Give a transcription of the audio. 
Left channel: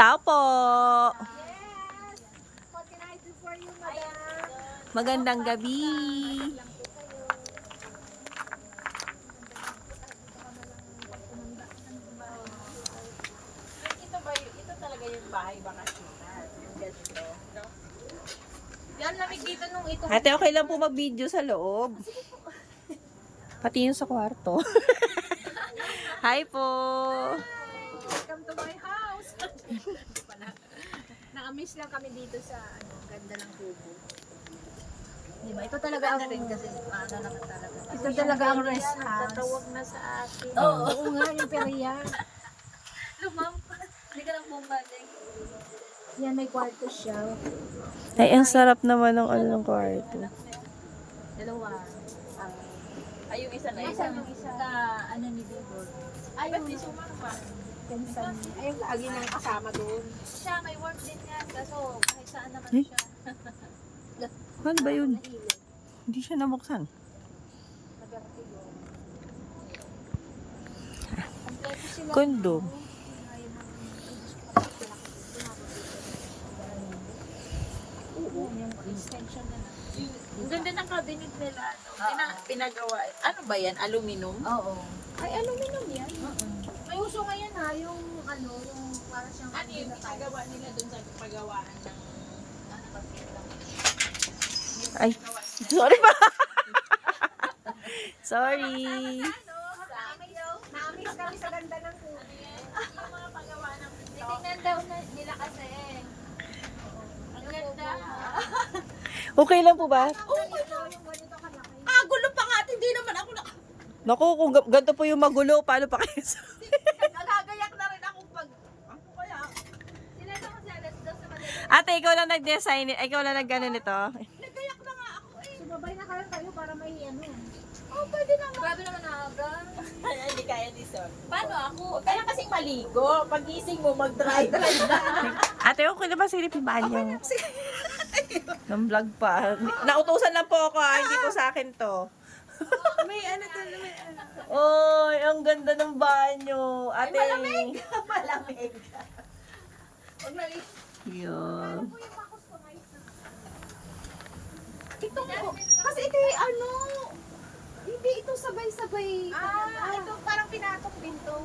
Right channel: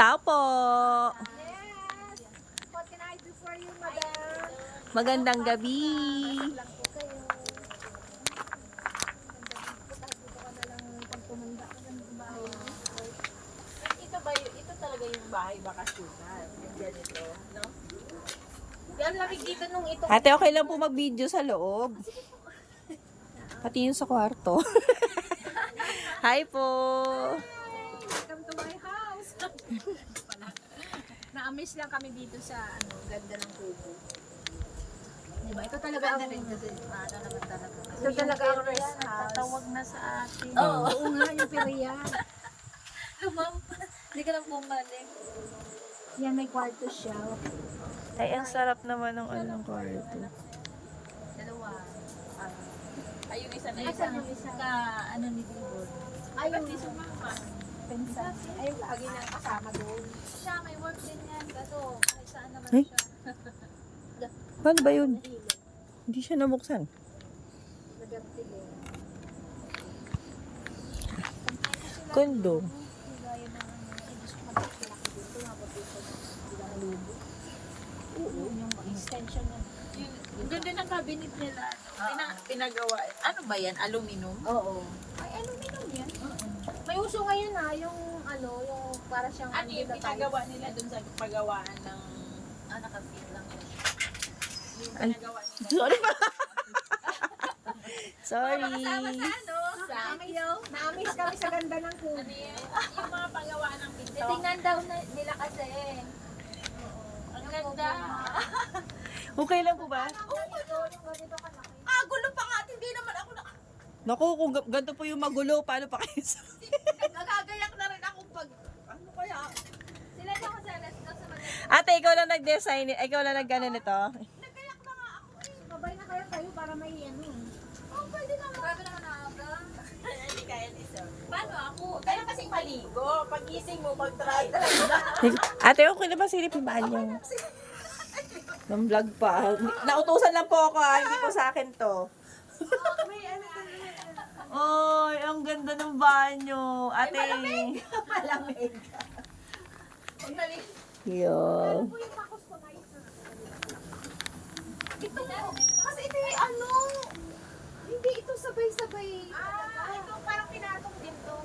Tao po. Yes! What can I do for you, madam? Magandang gabi. Lang po kayo. Ito talaga yung bahay bakasyonan. Yung ganito, no? Yan, lamig dito nung ito. Ate, okay lang po mag-video sa loob. Pati yung sa kwarto. Hi po. Welcome to my house. Na-amaze lang kami dito sa ganda ng kubo. Diba? Ito talaga Ganda ang rin kasi ano naman talaga. ito talaga ang rest house. Tatawag na sa atin. Oo nga, yung periya. Hindi ka lang bumalik. Yan, may kwarto siya. Ay, ang sarap naman ng ano ng kwarto. Dalawa. Ay, yung isa na Asan yung isa? Sa ano ni Dudol. Ay, Ba't yung di sumama? pinsan niya. Ay, yung lagi nang kasama doon. Siya, may work din yan. Kaso, kahit saan naman Ay. siya. Paano ba yun? Hindi siya nabuksan. Kondo. Extension na lang. Ang ganda ng cabinet nila. Pinagawa. Ano ba yan? Aluminum? Oo. Ay, aluminum yan. May uso ngayon ha, yung ano, yung para siyang Ano yung pinagawa nila dun sa pagawaan ng nakapit lang. Yung Ay. pinagawa nila. Sorry pa. Sorry. Na-amaze kami sa ganda ng kubo. Yung mga pagawaan ng pinto. Tingnan daw nila kasi. Ang ganda. Okay lang po ba? Yung ganito kalaki. Gulo pa nga. Hindi naman ako na... Naku, kung ganito po yung magulo, paano pa kayo sa... Nagagayak na rin ako pag... Ano kaya? Sila daw kasi alas daw sa Manila. Ate, ikaw lang nag-design, ikaw lang nag-ano nito. Nagayak na nga ako eh. Sumabay na kayo para may ano yan. Oh, pwede naman. Grabe naman aga. Hindi kaya ni sir. Paano ako? Kaya kasing maligo. Pagising mo, mag-drive. Ate, okay na ba silipin ba niyo? Nang vlog pa. Nautusan lang po ako hindi po sa akin to. May ano doon. Oy, ang ganda ng banyo. Ate. Malamig. Huwag mali. Yeah. Ito kasi ito yung ano, hindi ito sabay-sabay. Ito parang pinatong din to.